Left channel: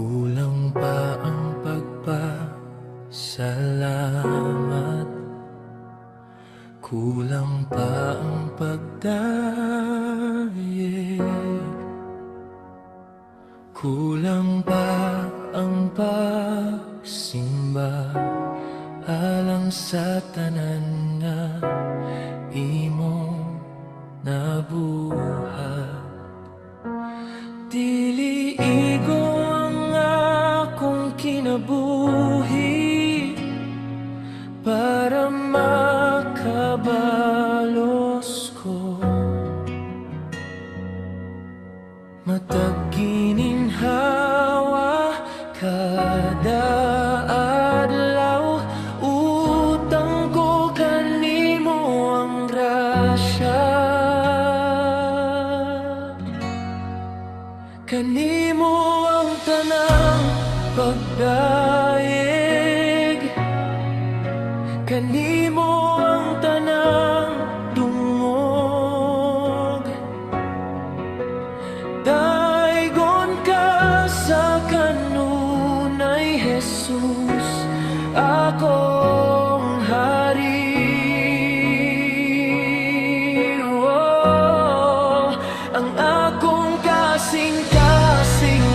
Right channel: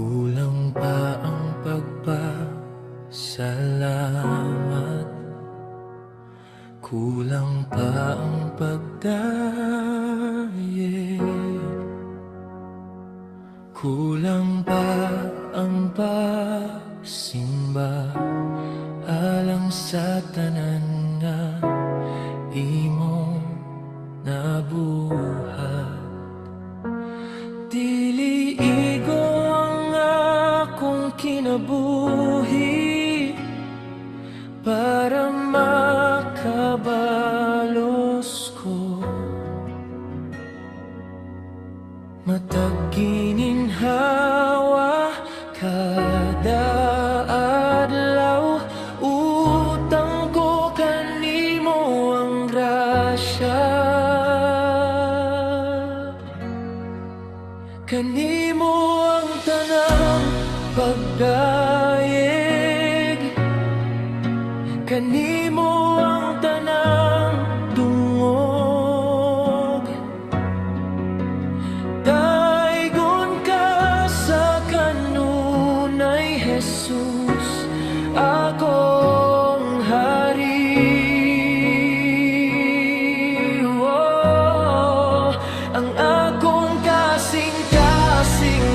Kulang pa ang pagpasalamat, kulang pa ang pagdayeg, kulang pa ang pagsimba alang sa tanan nga imong nabuhat. Dili igo ang akong kinabuhi para makabalos ko. Matag gininhawa kada adlaw, utang ko kanimo ang grasya. Kanimo ang tanang pagdayeg, kanimo ang tanang dungog. Daigon ka sa kanunay Jesus, akong hari. Ang akong kasing-kasing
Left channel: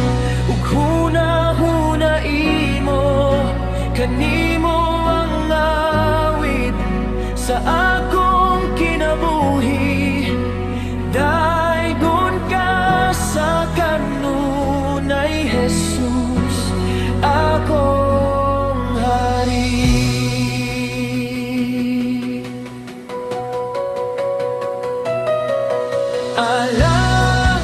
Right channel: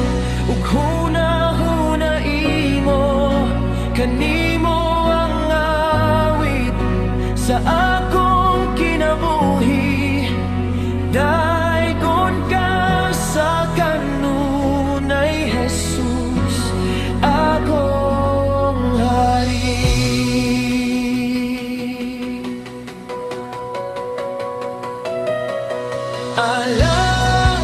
ug hunahuna imo, kanimo ang awit sa akong kinabuhi. Daigon ka sa kanunay Jesus, akong hari. Alang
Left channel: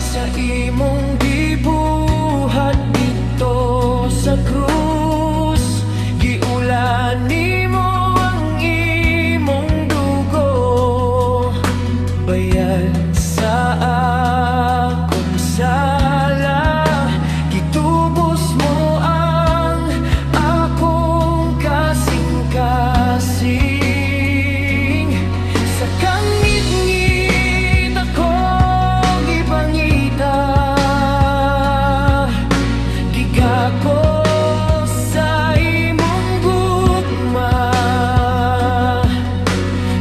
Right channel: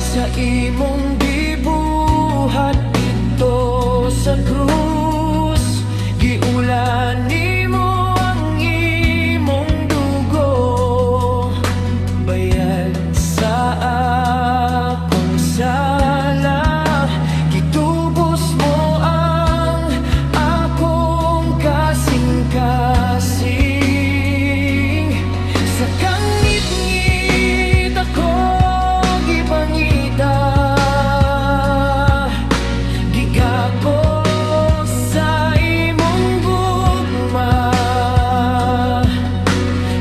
sa imong gibuhat dito sa krus, giulan nimo ang imong dugo, bayad sa akong sala. Gitubos mo ang akong kasing-kasing, sa kangit-ngit ako gipangita. Giga ko sa imong gugma,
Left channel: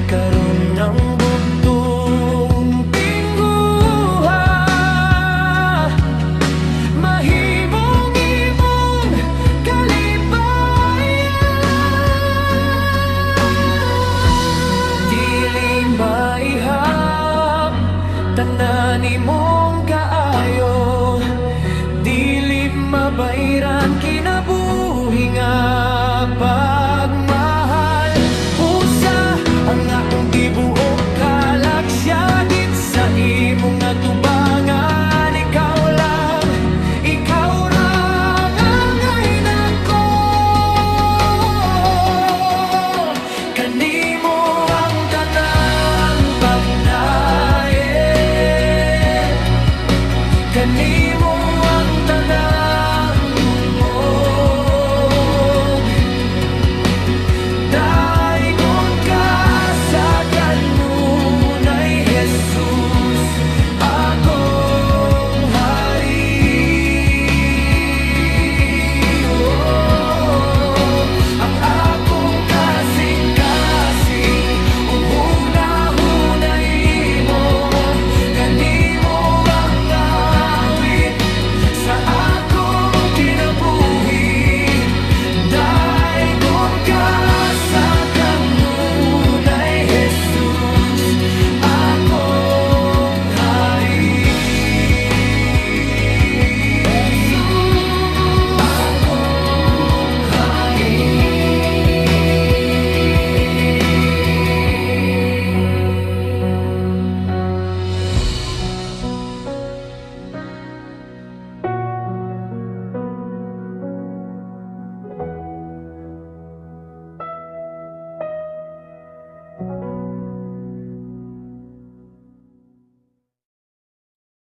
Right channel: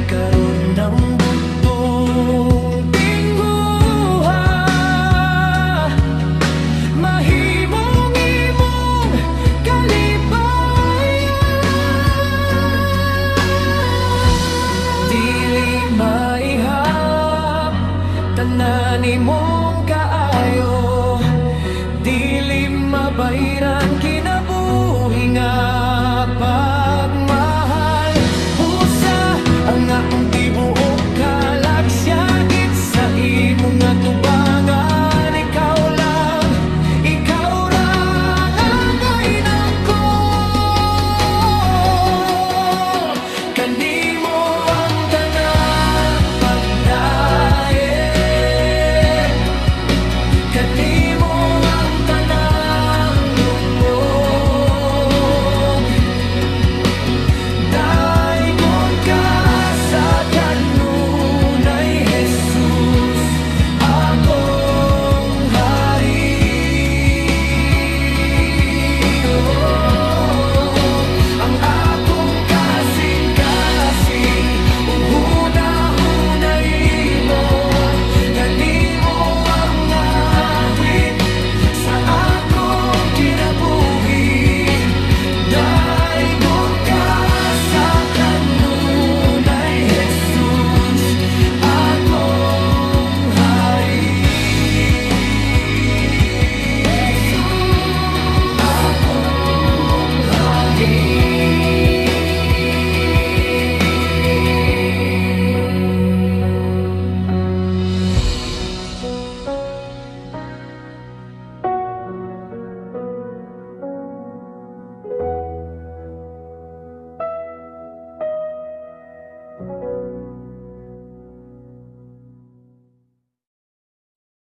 karon ng bugtong tingguha. Mahimong imong kalipayan, dili maihap tanan imong kaayo. Dili mabayran kinabuhi nga pagmahal. Pusa ang akong tibuok, kalagsyagit sa imong atubangan.